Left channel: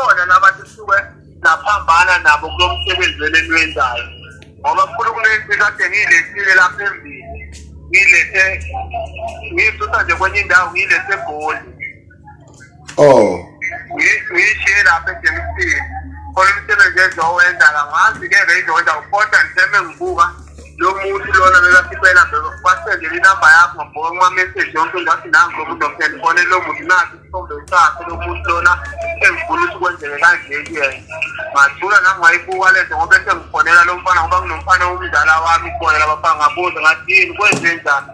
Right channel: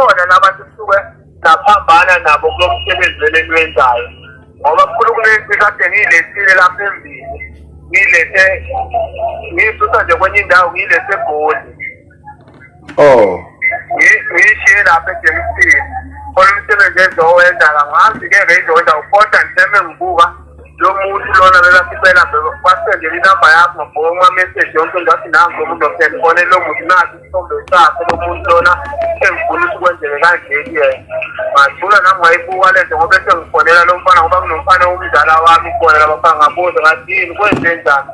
bakhona labantu suke naphambana nabo kulomsebenzi wenzayo ngoba kukhulu kunenci kade ngiyilethile lapha embili ngilethe ngisusa nje kwenye indawo ngiyilethhe eGoli ngishiye lapha eJemstini olumsebenzi ezowenza ngazi-ke ngeyizokwenza ukodwa ngitheme ngibuka lo muntu lona bekasicela basendele inamba yakho ngabhuka kuma-message yonke ngathi nango umuntu osendibone lo muntu nazi isithombe sakhe lo muntu lona engifuna ukuthi kwenzeke kanjeni ngathula nami ngayibuka lento ngoba sengifonela lo mfana ngoba kunomfana womzala wami khona labafana ngabuza ngathi yini kwenze njani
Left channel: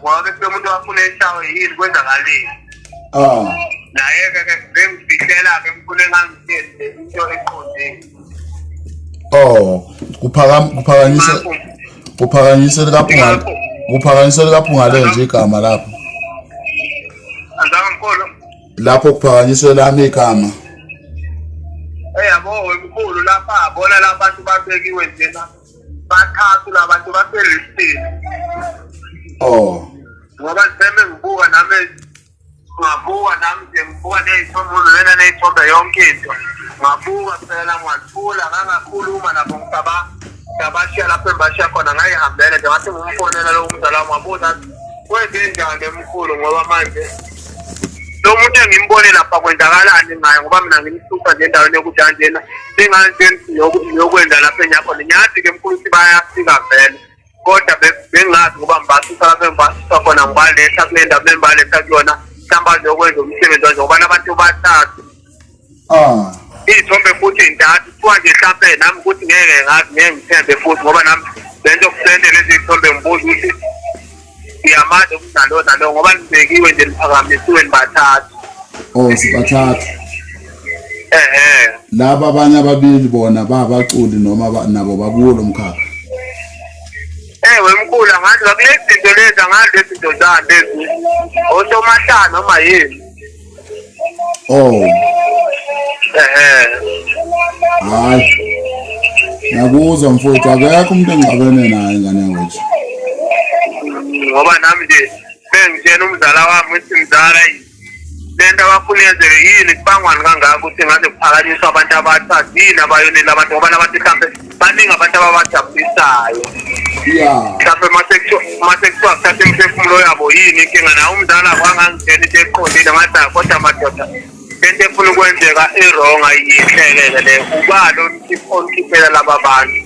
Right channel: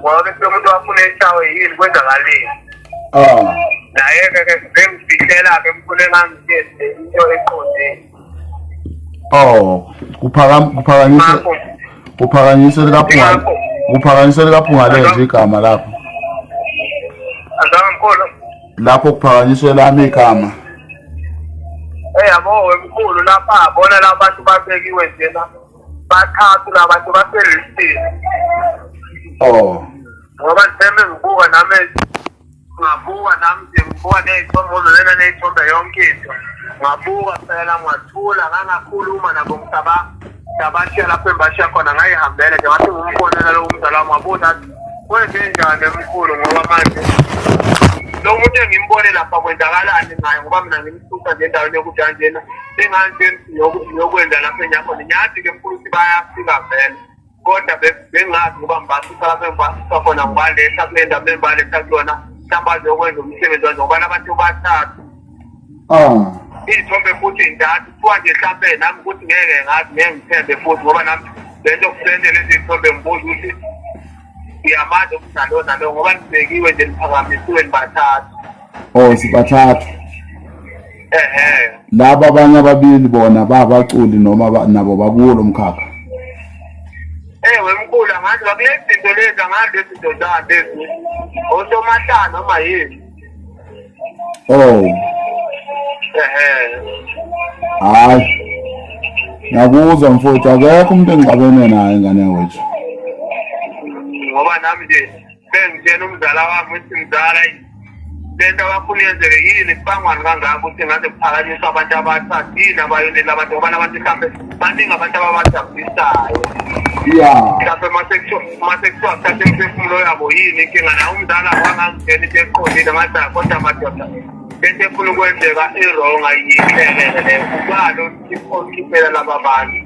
ngoba bese umuntu wafuna eshawe yini kwenzakaleni naye-ke bengifihlela-ke emfune ngangithenze into eqondeni uphakanyise likaPhungalenja igama lapho. Lapho kuphakanyiswe lami igama. Yabo wemkhulu lapha abona la bantu babekiwe njena. Bathathu la bantu baselistini. Ngoba ngithembe ngibuka nami ngibuka ney'thombe lena ney'thombe yonke into. Ngabuka phela ngathula ngangakhuluma nabo ngabashiya lapho embashiya khona ngayihambela nje ngathi ngumfonela lo mzala wami wabuza kwenze njani emkhulu ngoba manje lo muntu engimbone lapha kwenzakalani ngayo ngoba mina ngimsusa nje endaweni yokujanjena senganjeni yokwenza lapha enyakhona nyathi-ke mkhulu ukuthi bayafika vele kodwa bengazi ngoba mbasusa lapha embasusa khona ngibaletha kule ndawo membaletha kuyona mhlawumbe azokwenza umsebenzi wanje ngoba nabantu bathathu iy'thombe futhi intathu kuthiwa nje mhlawumbe nami ukuthi ngeke ngithembe futhi ngoba nami lento kusendele eziy'thombe ngibuza ukuthi ngiyamazi umdalo nalo ngoba nibekiwe nje niphakamisiwe nibathathu. Sibathathu. Laba abanye ababili bona babaculi noma nabo bakulo mkhakha. Wemkhulu angazi kulezi zinto lezi angazi lezi zinto zabo lezi osomahlanu noma yini. Hayi. Ngakuzwa mfowethu akekho umuntu engixabene naye ngane wethu. Ngoba nami nje bengitshela umzala wami ukuthi mzala lento abafuna yenzeke yini kubangwani kangaka ukuthi ngaze kuphakanyiswa abantu abathathu yini abayonela abantu ngoba nabantu mhlawumbe baningi abantu ababajabulisayo. Mhlawumbe mase kuthiwa kuthathe imiphefumulo yabo yini inkinga naye umzala wangangitshela into eqondile ngathi kodwa madoda lento efuna ukwenzeka i-wrong ayiyihlekele le kubalo ikhokhipela laba bantu.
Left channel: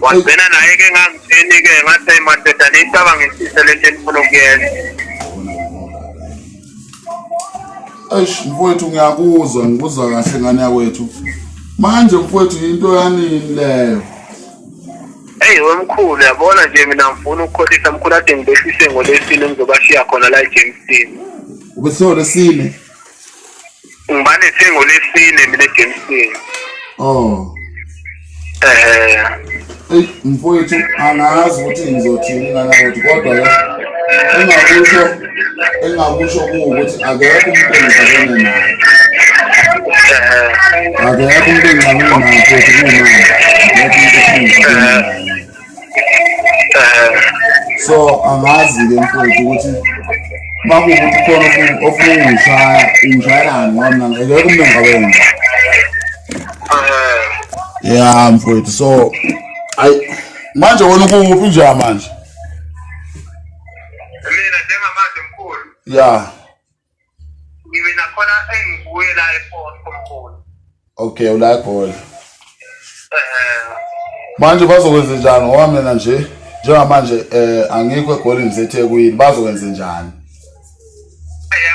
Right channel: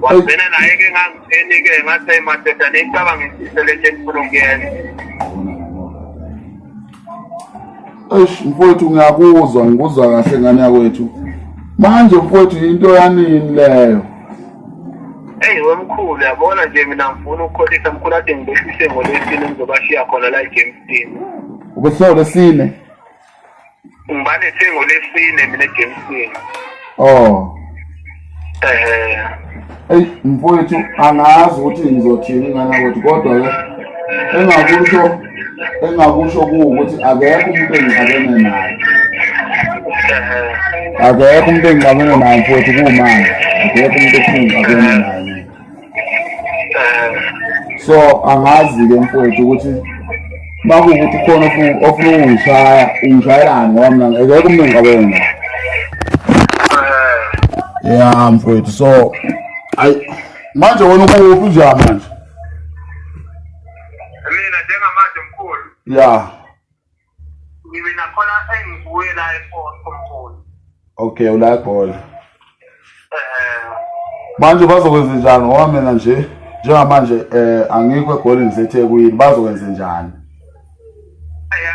Wabena naye-ke ngangitheni-ke ngathi madoda neyicaba ngisise lento efuna ukuyenza. Mfowethu ngikuzwa kahle ngane yakwethu. Manje mfowethu into yanini leyo. Wemkhulu yabona nje mina ngifuna ukukholisa mkhulu ade ngibehlise ngolesine ngizobashiya khona la eJemstini. Ubese ngolesine? Ngibalethe ngolesine mina eJemstini. Mfowethu angazi ukuthi ngizothini ngane yakwethu kodwa ke engakusho kuwukuthi akekho umuntu engixabene naye. Akekho umuntu engixabene naye mfowethu kuwumanje. Akekho umuntu engixabene naye. So angazi-ke mfowethu ukuthi makuwukuthi khona ofuna ungishayelani ngoba mina akekho umuntu engixabene naye. Mfowethu so manje wena ukuphi nje manje? Mina njengamanje mkhulu. Mina khona engibuye la ePort. Okay, ula eGoli. Manje bazokwenza njani ngoba mina nje njengamanje angikho eGoli ngiseThekwini bazokwenza njani?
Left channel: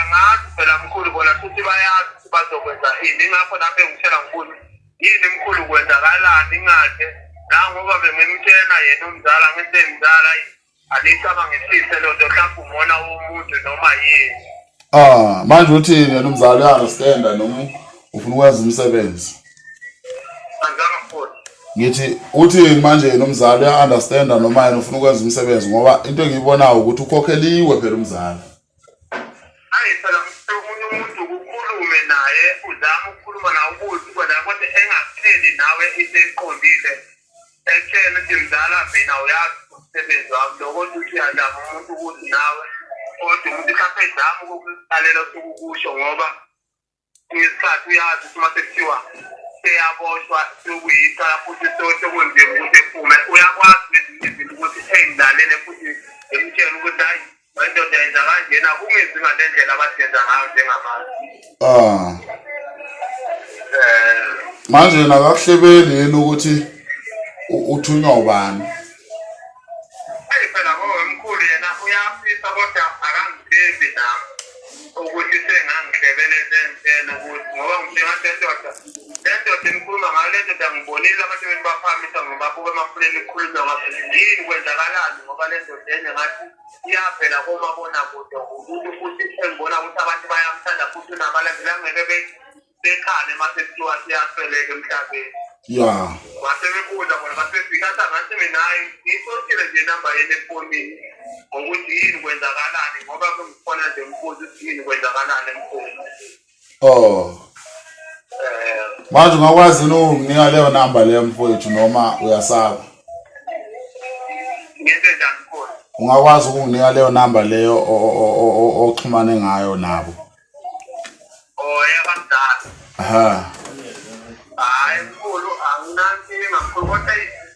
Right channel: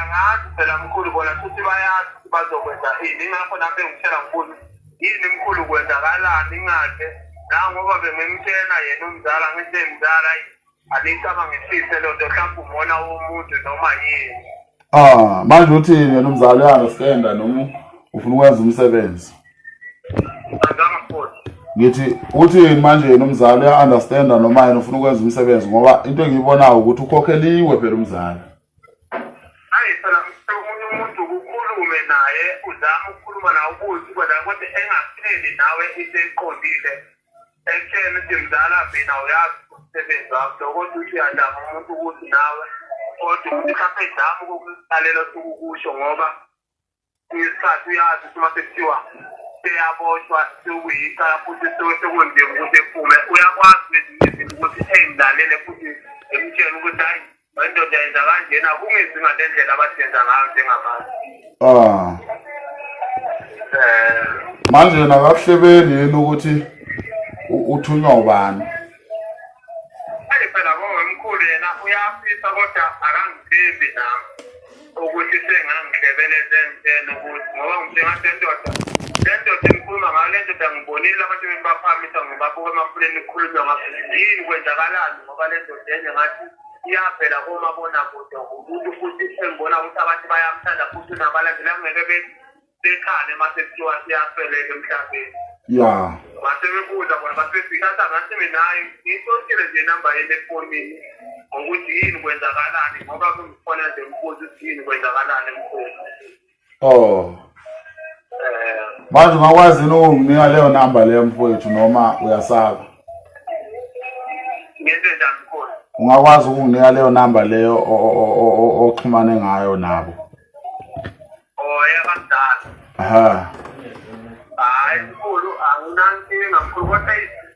Angazi phela mkhulu bona futhi bayazi ukuthi bazokwenza ini ngakho lapho engitshela mkhulu yini mkhulu kwenzakalani ngathi nangoba bengimtshela yena umzala ngithi mzala alicaba ngisise lonto mhlawumbe umona womuntu noma yini. Manje uthini yena umzala uya-understand noma ufuna ukwenza umsebenzi? Ngithi uthini manje yena umzala uya-understand noma yena ufuna ukwenza umsebenzi ngoba into engiyibonayo ukuthi ukhokheliwe phela umzala. Phela omunye umuntu ukukhulume naye uzama ukukhuluma nawe ukuthi kodwa engatheli nawe into eqondile ekutshela ukuthi mzala mina uyazi umsebenzi wami lokuthi uthi uyazama umuntu ukuthi nawe kodwa ukuthi mhlawumbe ezama ukukusalela sokukusho ngoba isikhathi uyazi ukuthi mase kuthiwa seyaboshwa sewuyicala futhi sekunzima ukuthi ephume uyakwazi kwezinye izinto ukuthi ey'ndlalele futhi emtshela ukuthi hayi indoda yenza kanjena kungenzi ngale ndlela abasenza ngayo njengabantu. Manje nakakuhlebeli yini ukuthi uthunywa ubani? Hayi phela ngomkhulu yena uyafisa kodwa akangithembi nami ukuthi sengangihlebele zenzela ukuthi ngoba njengasendoda lendoda engikhuluma ngayo le ndoda ngibonile abantu bebaphamisa ngibabuka emafuleni kukhulunywa ngapha yini kwenzakalani ngoba le ndoda enye ngathi iyavela komabonakude umuntu futhi engibona ukuthi abantu bayamthanda futhi nabalandeli angeke bekhale mase kuthiwa siyafeleka emhlabeni. Ya Mase bebuza bona basefika ngathi mina hayi ngiyisokile nje inamba yeni efonini ngokuthi yini kwenzakalani ngoba kungikhona nje umbuzo ukuthi yini kwenzakalani emkhulu. Manje ungakwazi yini ukunginika leyo namba leyo mfowethu noma uyasaba? Ngenze njani mkhulu? Ungakwazi ukunginika leyo namba leyo oxhumane ngayo nabo? Yabadala. Hayi mkhulu anginankinga mkhulu kodwa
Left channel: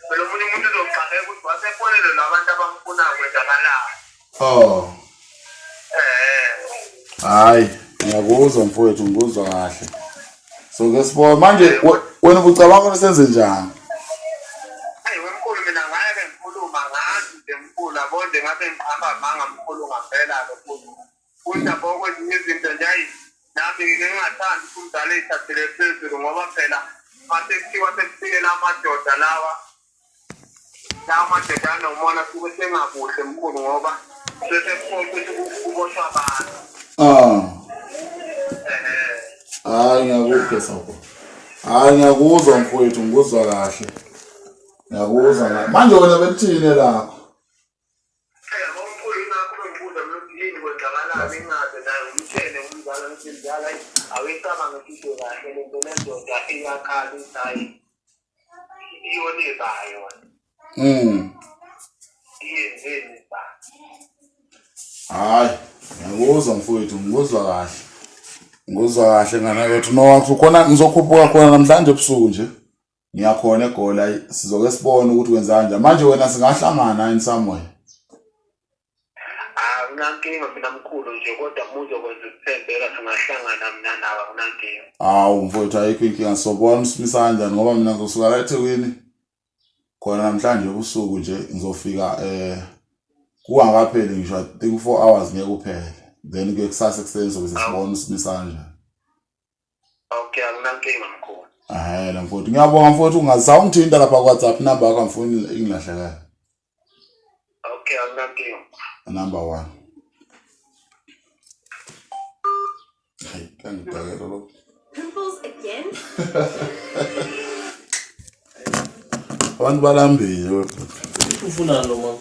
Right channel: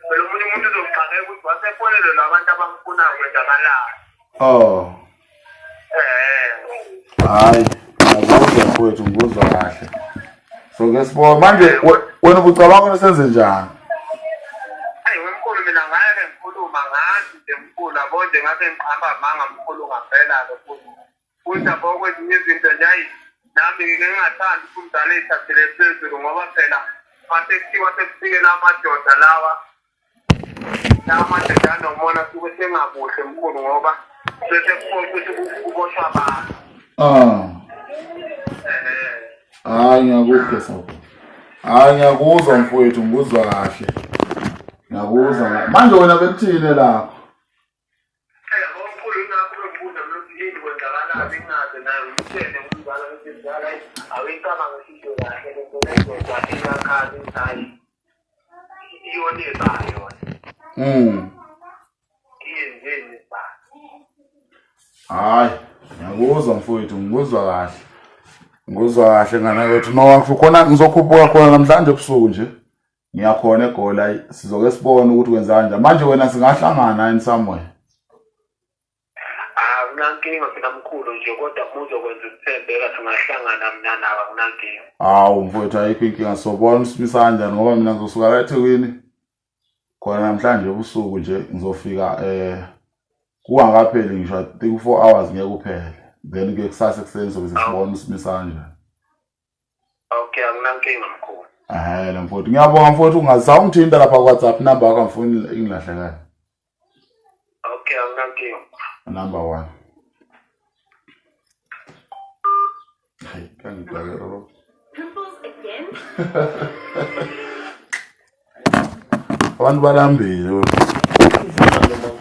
phela omunye umuntu uzoqala ukuthi wasefonele labantu abamfunayo kwenzakalani. Hayi ngiyakuzwa mfowethu ngikuzwa kahle. So ke sibona manje wena ubucabanga ukuthi senze njani? Hayi wemkhulu mina ngeke ngikhuluma ngathi nje mkhulu yabo nje ngabe ngihamba manga mkhulu ngaphela lokho. Kuyinto okwezinye izinto nje hayi nami ngingathandi umdala ethathele phezulu ngoba phela mase kuthiwa sekufike lamadoda lawa lamadoda anomona suke sengakuhle mkhulu ngoba bese kufothi ukuthi kuboshwa abantu. Hayi ngiyakuzwa sabo. Hayi ngiyakuzwa mfowethu ngikuzwa kahle. Ngiyakuzwa manje wena bekuthini lakho? Ngomkhulu nakho ngibuza ukuthi yini kwenzakalani ngaze nayo ngitshele umzala ukuthi mzala awuyicaba ngisho kahle lento lendoda iyakhali hayi iyone bayo. Iyenzeni ba? Hayi ngiyakuzwa mfowethu ngikuzwa kahle. Ngizwa kahle ngana wethu nowakho khona ngizokhuphuka khona namhlanje ebusuku nje. Ngiyakhona eGola sizoke sibone ukuthi wenza kanjani. Manje wena singahlangana in somewhere. Unankinga mina mkhulu nje kodwa muzokwenza ukuthembeka singahlangana mina nawe unankinga. Hawu mfowethu ayikho inkinga sobona usimisa kanjani ngoba mina ngizosuka la eThekwini. Khona namhlanje ebusuku nje ngizofika kungakapheli ngisho I think 4 hours ngeke kuphele. Then ke kusasa ekuseni sobe sibona usimisa kanjani. Okay akunankinga mkhulu. La mfowethu ngiyabonga mfowethu ungazawungithinta lapha WhatsApp number yakho ngifuni ingilahlekayo. Okay akunankinga. Number 1. Hayi kangidakela lo. Pimples again? Abantu balambile. Ufuna noma